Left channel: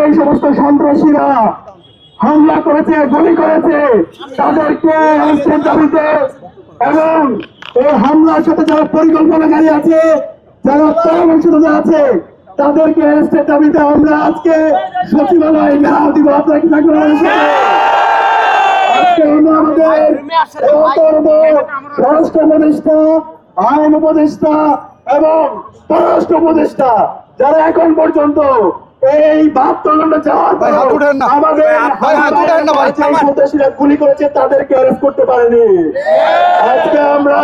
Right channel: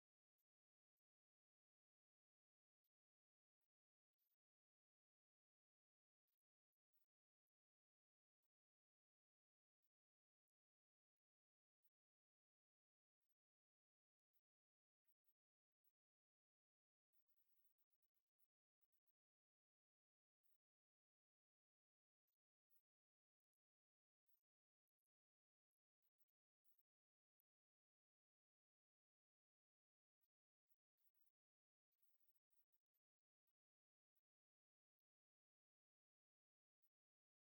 এই সমস্ত সন্ত্রাসীরা হামলা করেছে, গুলি করেছে, তাদেরকে অ্যারেস্টের দাবিতে এবং এই হামলার সাথে যারা পরিকল্পনাকারী আছে, যারা পরামর্শদাতা আছে, তাদেরকে অ্যারেস্টের দাবিতে আমরা আজকে সচিবালয়ে ঘেরাও দিব। আপনারা কি থাকবেন আমাদের সাথে? আজকে আমরা আমাদের স্বরাষ্ট্র উপদেষ্টা, আইন উপদেষ্টা এবং পররাষ্ট্র উপদেষ্টা যারা এখন পর্যন্ত এই 72 ঘন্টা যাওয়ার পর আমাদের সন্ত্রাসীরা গুলি করেছে তাদেরকে অ্যারেস্ট করতে পারেনি। আজকে আমরা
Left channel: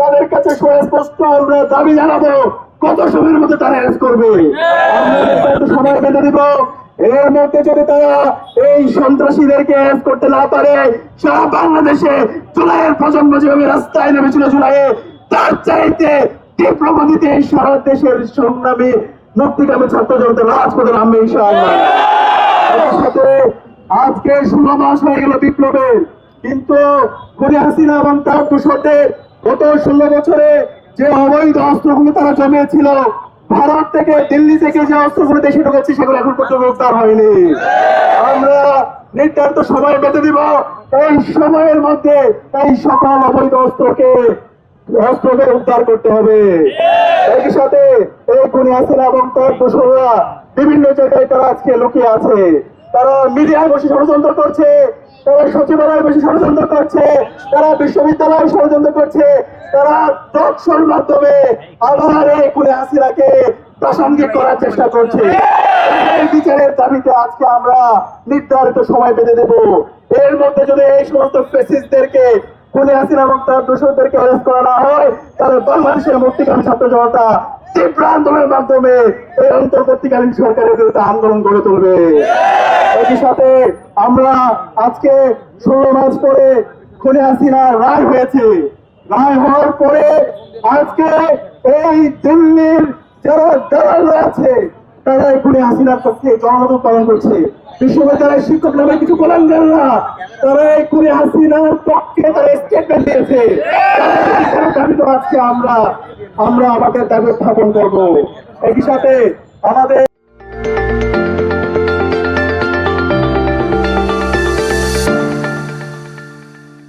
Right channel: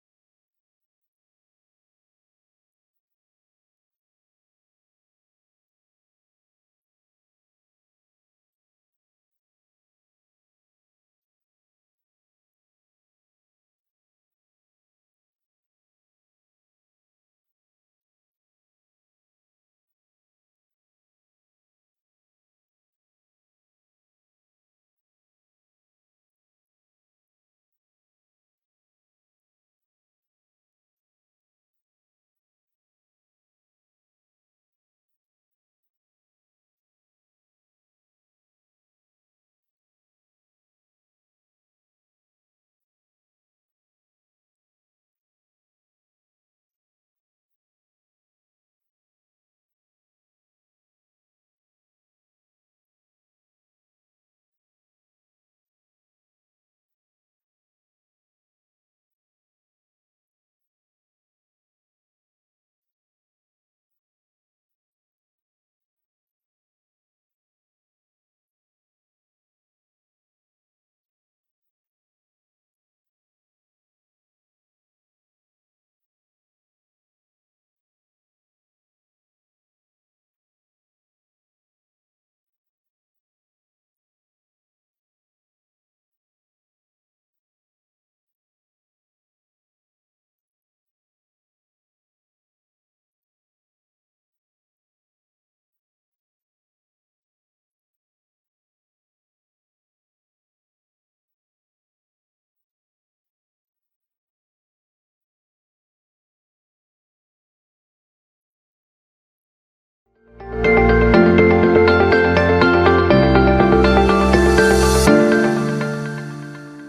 তাদের কাছে সুস্পষ্ট আমরা দাবি জানাবো কত সময়ের মধ্যে তারা অ্যারেস্ট করবে। আমরা একটু সময় বেঁধে দিব। এর মধ্যে যদি তারা এই সন্ত্রাসীদেরকে অ্যারেস্ট করতে না পারে, সারা বাংলাদেশে জুলাইয়ের প্রজন্ম যেভাবে রাস্তায় নেমেছিল জুলাইয়ে, তার চাইতে তীব্র গতিতে এই সারা দেশের সংগ্রামী মুক্তিকামী ছাত্র জনতা রাজপথে নামবে ইনশাআল্লাহ। সাথে আজকে 16 মাস হয়ে গেল বিপ্লবের, কিন্তু খুনি হাসিনা এবং তার দোসরদের গত 16 বছরে যে অবৈধ অস্ত্রগুলো তারা জমিয়েছিল, ভারত থেকে দিল্লি থেকে যে অস্ত্রগুলো দেশে ঢুকেছে সেগুলো এখন পর্যন্ত উদ্ধার হয়নি। আমরা নির্ধারিত সময় বেঁধে দিব। এই সময়ের মধ্যে এই সকল অবৈধ অস্ত্রকে উদ্ধার করতে হবে। একই সাথে এই খুনি হাসিনা এবং তার দোসররা বিভিন্ন জায়গায় তারা আজকে লুকিয়ে আছে। তারা মিডিয়ায় বসে ষড়যন্ত্র করছে, তারা সচিবালয়ে বসে ষড়যন্ত্র করছে, তারা বিশ্ববিদ্যালয়ে ষড়যন্ত্র করছে, তারা টকশোর মাধ্যমে আবার এই খুনি হাসিনাকে প্রাসঙ্গিক করার চেষ্টা করছে। এই বিচারের দাবিতে আজকে আমরা নির্ধারিত সময় বেঁধে দেব। এর মধ্যে যদি এই সমস্ত ফ্যাসিস্টদেরকে, খুনি হাসিনা এবং তার দোসরদেরকে অ্যারেস্ট করা না হয়, তাহলে বাংলাদেশের মুক্তিকামী ছাত্র জনতা তীব্র আন্দোলনের মাধ্যমে এই অন্তর্বর্তীকালীন সরকারের বিরুদ্ধে আন্দোলন গড়ে তুলবে। একই সাথে আমরা আজকে 16 মাস পরে খুনি হাসিনার রায় হয়েছে। রায় হওয়ার পরে আজকে এই দিল্লির যারা দালালরা আছে তারা এই খুনি হাসিনার পক্ষে জনমত পালন করছে। বিশ্ববিদ্যালয়ের শিক্ষক নামে কিছু গোলামরা তারা এই খুনি হাসিনার পক্ষে তারা স্টেটমেন্ট দিয়েছে। আজকে আমরা আমাদের দাবি উত্থাপন করবো। একই সাথে আমাদের